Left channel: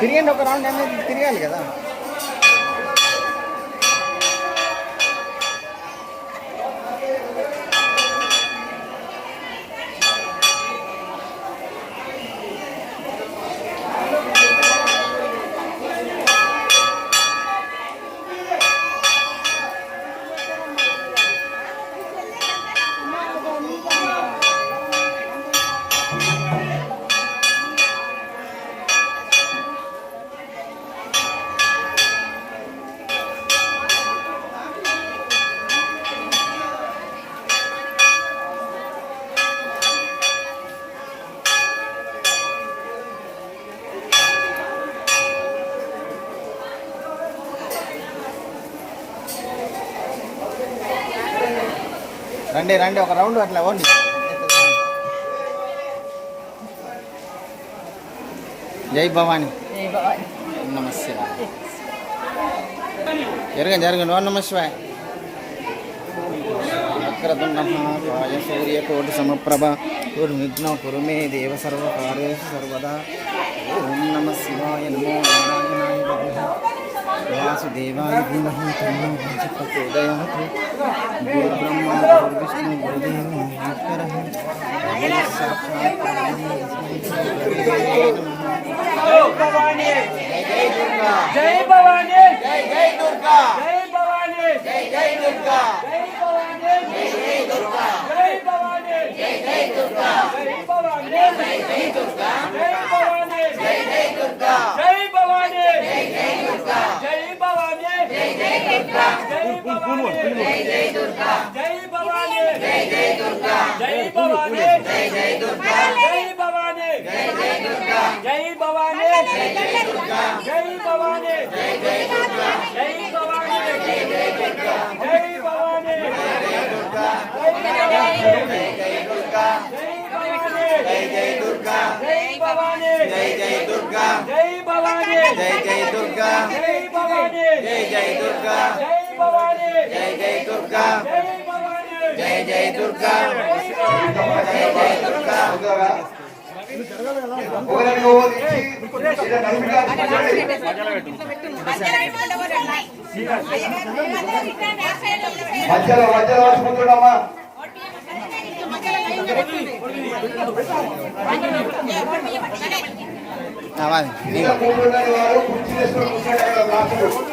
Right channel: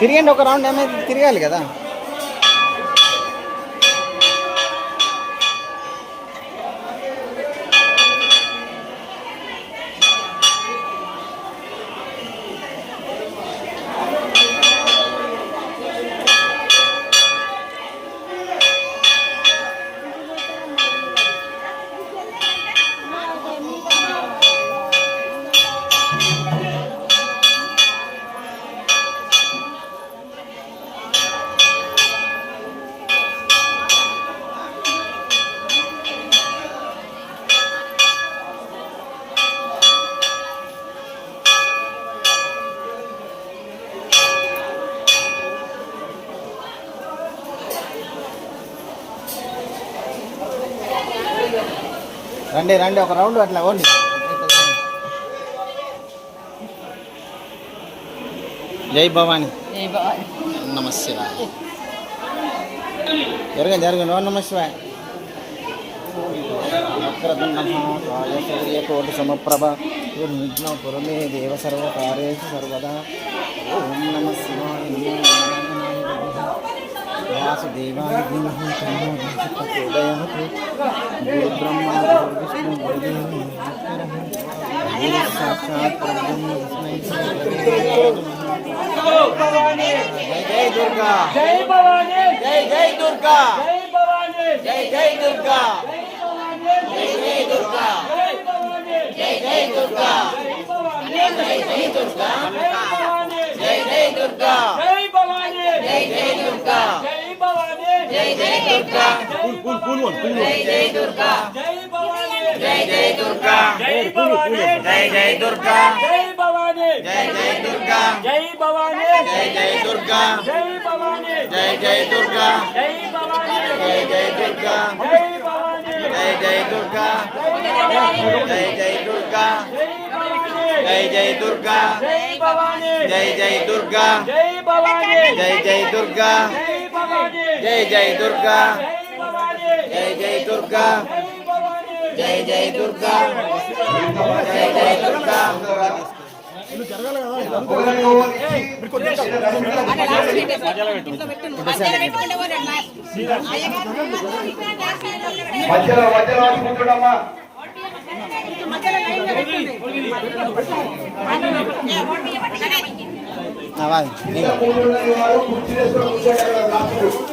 తిరిగండి ఒక రౌండ్ ఏమైంది తిరగాలి కదా. రండి రండి ఒక రౌండ్ అట్లా ఓండి. జై భవాని. నమశివాయ. జరగండి జరగండి. ఓం నమశివాయ. వక్రతుండ మహాకాయ సూర్యకోటి సమప్రభ దుర్విఘ్న కురు మే దేవ సర్వకార్యేషు సర్వదా. ఓం నమః శివాయ. నమో నారాయణాయ వాసుదేవాయ ధీమహి తన్నో ప్రచోదయాత్. గురు బ్రహ్మ గురు విష్ణు గురుదేవో మహేశ్వరః. గురు సాక్షాత్ పరబ్రహ్మ తస్మై శ్రీ గురవే నమః. జై దుర్గా. జై భవాని. జై జై దుర్గా. జై భవాని. జై జై దుర్గా. జై దుర్గా. జై భవాని. జై జై దుర్గా. జై భవాని. జై జై దుర్గా. జై భవాని. జై జై దుర్గా. జై భవాని. జై జై దుర్గా. జై భవాని. జై జై దుర్గా. జై జై దుర్గా. జై భవాని. జై జై దుర్గా. జై భవాని. జై జై దుర్గా. జై భవాని. జై జై దుర్గా. జై భవాని. జై జై దుర్గా. జై భవాని. జై జై దుర్గా. జై భవాని. జై జై దుర్గా. జై భవాని. జై జై దుర్గా. జై జై దుర్గా. జై జై దుర్గా. జై భవాని. జై జై దుర్గా. జై భవాని. జై జై దుర్గా. జై భవాని. జై జై దుర్గా. జై భవాని. జై జై దుర్గా. జై జై దుర్గా. జై జై దుర్గా. మధ్యలో కూర్చోడమ్మా. కూర్చుంటే